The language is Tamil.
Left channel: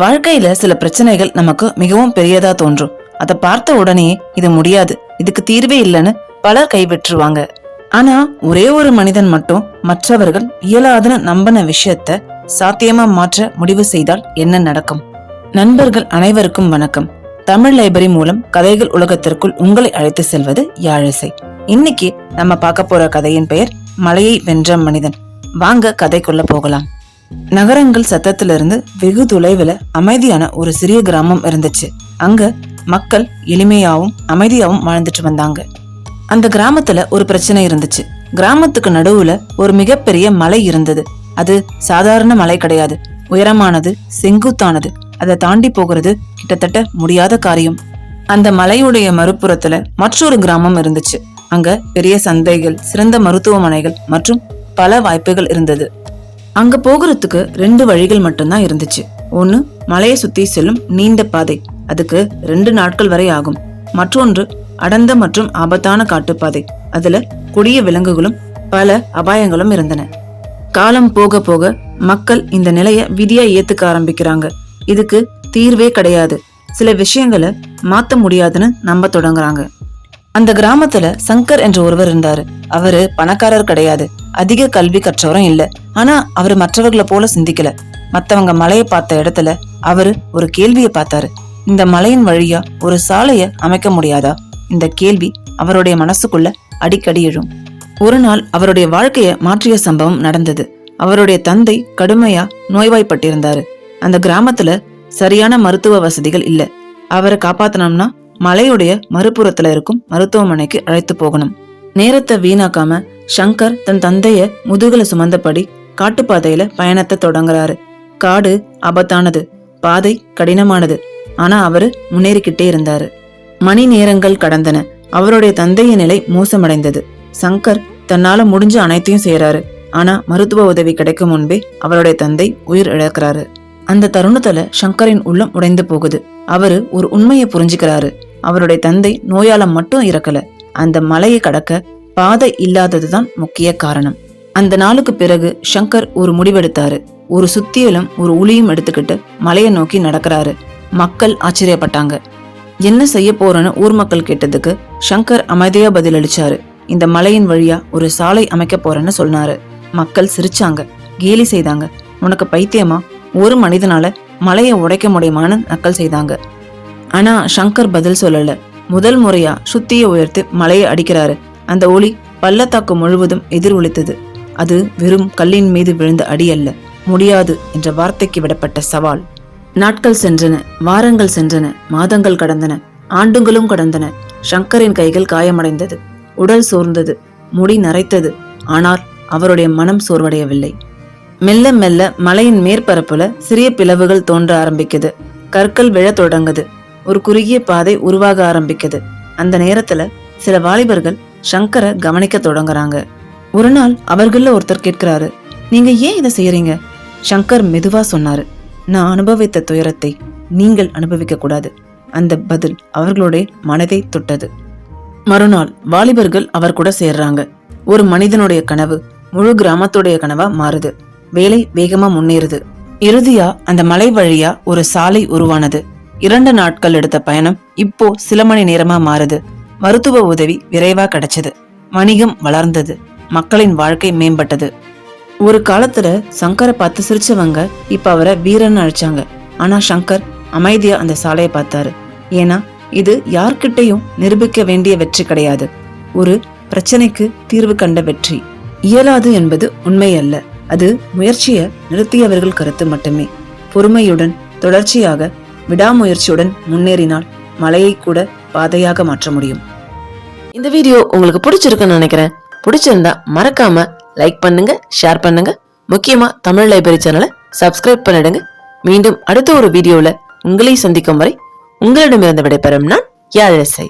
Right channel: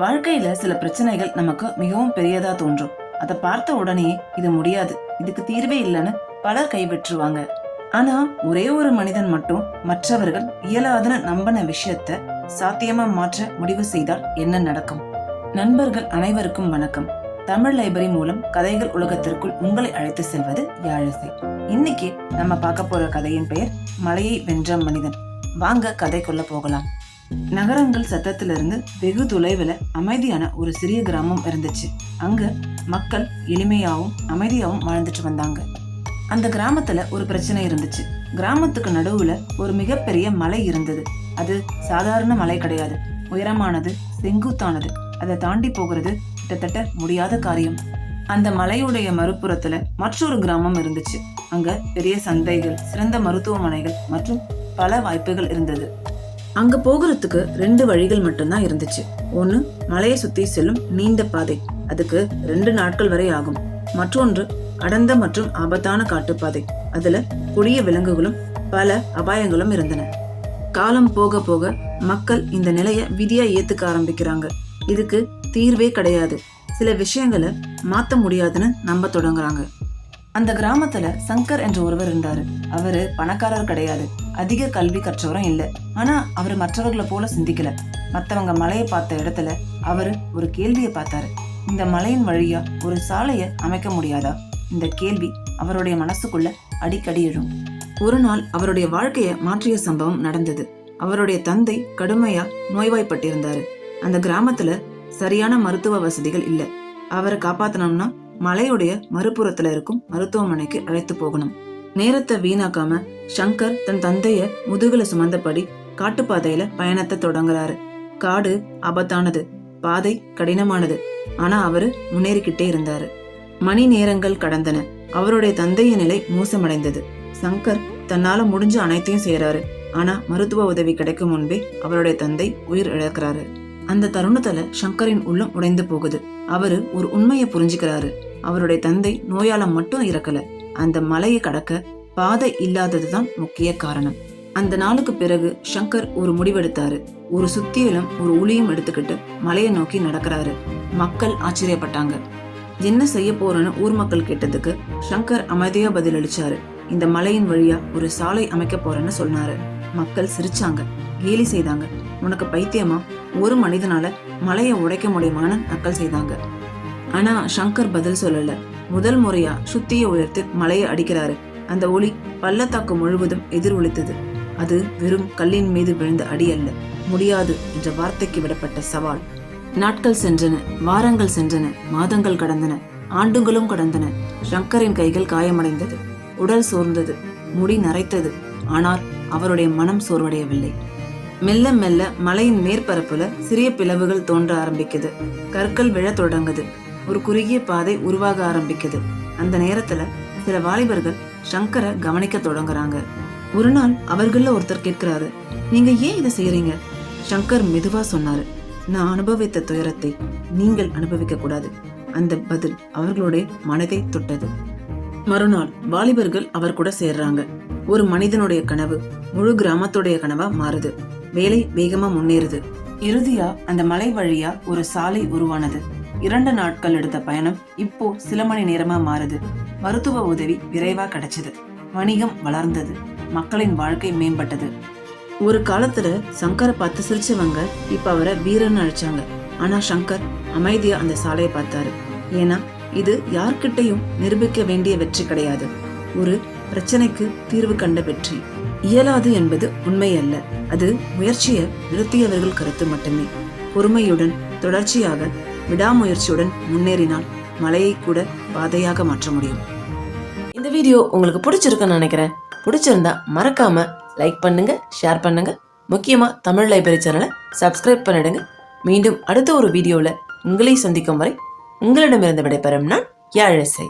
வாழ்க்கையில சில பிரச்சனைகள் நமக்கு மிகவும் பெரியதா தோன்றும். அதை பார்த்த உடனே இது முடியாது, இதுக்கு தீர்வே இல்லைன்னு பலர் கைவிட்டுருவாங்க. ஆனா ஒரே ஒரு மனிதன் மட்டும் மற்றவர்கள் இயலாதுன்னு நம்பின விஷயத்த சாத்தியமா மாற்ற முடிவு செய்தால் என்ன நடக்கும்? நண்பர்கள் அனைவருக்கும் வணக்கம். தமிழ் லைப்ரரி மூலம் கதைகள் உலகத்திற்குள் உங்களை அழைத்து செல்வது யாழிசை. இன்னைக்கு நம்ம பார்க்க போற கதையின் பெயர் மலையை வென்ற மனிதன். வாங்க கதைக்குள்ள போகலாம். நகரங்கள் சத்தத்திலிருந்து வெகு தொலைவில் அமைதியான ஒரு சிறிய கிராமம் இருந்துச்சு. அங்க மக்கள் எளிமையாவும் அமைதியாவும் வாழ்ந்துட்டு வந்தாங்க. அந்த கிராமத்துல ஒரு பிரச்சனை இருந்துச்சு. கிராமத்துக்கு நடுவுல ஒரு மிகப்பெரிய மலை இருந்தது. அது சாதாரண மலை கிடையாது, உயரமானது, செங்குத்தானது. அதை தாண்டி போகிறது கிட்டத்தட்ட முடியாத காரியம். அந்த மலையுடைய மறுபுறத்துல மற்றொரு கிராமம் இருந்துச்சு. அங்க பெரிய சந்தைகள், சிறந்த மருத்துவமனைகள் மற்றும் பல வாய்ப்புகள் இருந்தது. அங்க போகிறதுக்கு 2 வழிகள் மட்டும்தான் இருந்துச்சு. ஒண்ணு மலையை சுத்தி செல்லும் நீண்ட பாதை, அதுக்கு 2 நாட்கள் வரை ஆகும். மற்றொன்று அடர்ந்த மற்றும் ஆபத்தான காட்டுப்பாதை, அதுல கொடிய விலங்குகளும் பல அபாயங்களும் இருந்தன. காலம் போக போக மக்கள் இந்த நிலைய விதியா ஏத்துக்க ஆரம்பிக்கிறாங்க. இதுக்கு தீர்வே கிடையாது, சில விஷயங்களை மாத்த முடியாதுன்னு நம்ப தொடங்குறாங்க. அந்த கிராமத்துல சங்கர் என்ற ஒருவர் இருந்தாரு. அவரு பணக்காரர் கிடையாது, அதிக கல்வி கற்றவரும் இல்ல. ஆனா அவரு மற்றவர்களை போல சிந்திக்கல. மத்தவங்க மலையை பார்த்த இடத்துல அவரு ஒரு கேள்வியை பார்த்தாரு. இந்த மலையின் வழியா ஒரு சாலைய அமைக்க முடியாதா? இந்த கேள்வி அவருடைய மனசுக்குள்ள அடிக்கடி எழும். ஒரு நாள் அவருடைய வாழ்க்கைய மாற்றிய சம்பவம் நடந்தது. அவருடைய தந்தை கடுமையா நோய்வாய்ப்பட்டிருந்தாரு. அந்த கிராமத்துல சரியான மருத்துவ வசதிகள் இல்ல. அவரை காப்பாத்தணும்னா மலையுடைய மறுபுறத்துல இருக்கும் மருத்துவமனைக்கு அழைத்து போகணும். நேரத்தை வீணாக்காம சங்கர் தன் தந்தைய முதுகுல சுமந்தபடி காட்டுப்பாதையில பயணத்தை தொடங்குறாரு. காடு ஆபத்தானது, பாதை கடினமானது. ஆனா அவரு முன்னேறிக்கிட்டே இருந்தாரு. மணி நேரங்கள் கடந்தன. அவருடைய தந்தையின் நிலை மோசமடைந்தது. சங்கர் தன்னால முடிஞ்ச அனைத்தையும் செய்யறாரு. ஆனா மருத்துவ உதவி கிடைக்கும் முன்பே அவருடைய தந்தை உயிர் இழக்கிறாரு. அந்த தருணத்துல சங்கரின் உள்ளம் உடைந்து போகுது. அவரு ஒரு உண்மையை புரிஞ்சுக்கிறாரு. அவருடைய தந்தை நோயால மட்டும் இறக்கல, அந்த மலையை கடக்க பாதை இல்லாததுதான் முக்கிய காரணம். அந்த நாளுக்கு பிறகு சங்கர் ஒரு முடிவெடுத்தாரு. ஒரு சுத்தியலும் ஒரு உளியும் எடுத்துக்கிட்டு மலையை நோக்கி நடக்கிறாரு. மக்கள் ஆச்சரியப்பட்டாங்க. என்ன செய்ய போறன்னு ஊர் மக்கள் கேட்டதுக்கு சங்கர் அமைதியா பதிலளிச்சாரு. இந்த மலையின் வழியா ஒரு சாலை அமைக்க போறேன்னு சொன்னாரு. மக்கள் சிரிச்சாங்க, கேலி செய்தாங்க. உனக்கு பைத்தியமா? ஒரு மனிதனால மலையை உடைக்க முடியுமான்னு நக்கல் செய்தாங்க. ஆனா சங்கர் பதில் சொல்லல. முதல் முறையா சுத்திய உயர்த்து மலையை அடிக்கிறாரு. அந்த ஒளி பள்ளத்தாக்கு முழுவதும் எதிர் ஒலித்தது. அது வெறும் கல்லின் மீது விழுந்த அடி அல்ல, முடியாது என்ற வார்த்தைக்கு விடப்பட்ட சவால். நாட்கள் சென்றன, வாரங்கள் சென்றன, மாதங்கள் கடந்தன, ஆண்டுகளும் கடந்தன. சங்கரின் கைகள் காயமடைந்தது, உடல் சோர்ந்தது, முடி நரைத்தது. ஆனால் அவருடைய மனம் சோர்வடையவில்லை. மெல்ல மெல்ல மலையின் மேற்பரப்புல சிறிய பிளவுகள் தோன்ற ஆரம்பிக்குது. கற்கள் விழ தொடங்குது. ஒரு குறுகிய பாதை உருவாக ஆரம்பிக்குது. அந்த நேரத்துல சில வாலிபர்கள் சங்கரை கவனிக்க தொடங்குறாங்க. ஒரு நாள் அவர்கள ஒருத்தர் கேட்கிறாரு, நீங்க ஏன் இதை செய்யறீங்க? சங்கர் மெதுவா சொன்னாரு, நான் அனுபவித்த துயரத்தை நீங்கள் அனுபவிக்க கூடாது. அந்த பதில் அவர்களுடைய மனதை தொட்டது. மறுநாள் வாலிபர்கள் அவர் கூட சேர்றாங்க. ஒரு மனிதனுடைய கனவு முழு கிராமத்துடைய கனவா மாறுது. வேலை வேகமா முன்னேறுது. இறுதியா அந்த மலை வழியா ஒரு சாலை உருவானது. 2 நாட்கள் எடுத்த பயணம் இப்போ சில மணி நேரமா மாறுது. மருத்துவ உதவி விரைவா கிடைச்சது. வணிகம் வளர்ந்தது. மக்களின் வாழ்க்கை மேம்பட்டது. ஒரு காலத்துல சங்கரை பார்த்து சிரிச்சவங்க இப்ப அவரை வீரன்னு அழைச்சாங்க. ஆனா சங்கர் அமைதியா அந்த சாலையை பார்த்தாரு. ஏன்னா இது யார்கிட்டையும் நிரூபிக்க வேண்டிய வெற்றி கிடையாது, ஒரு பிரச்சனைக்கு தீர்வு கண்ட வெற்றி. இயலாது என்பது உண்மை அல்ல, அது முயற்சியை நிறுத்தியவர்கள் கருத்து மட்டுமே. பொறுமையுடன் தொடர்ச்சியாக விடாமுயற்சியுடன் முன்னேறினால் மலையை கூட பாதையாக மாற்ற முடியும். இந்த வீடியோ உங்களுக்கு பிடிச்சிருக்குன்னு நினைக்கிறேன். பிடிச்சிருந்தா மறக்காம லைக் பண்ணுங்க, ஷேர் பண்ணுங்க. முக்கியமா தமிழ் லைப்ரரி சேனலை சப்ஸ்கிரைப் பண்ணிடுங்க. மீண்டும் அடுத்த ஒரு வீடியோல உங்களை சந்திக்கும் வரை உங்களிடமிருந்து விடைபெறும் நான் யாழிசை.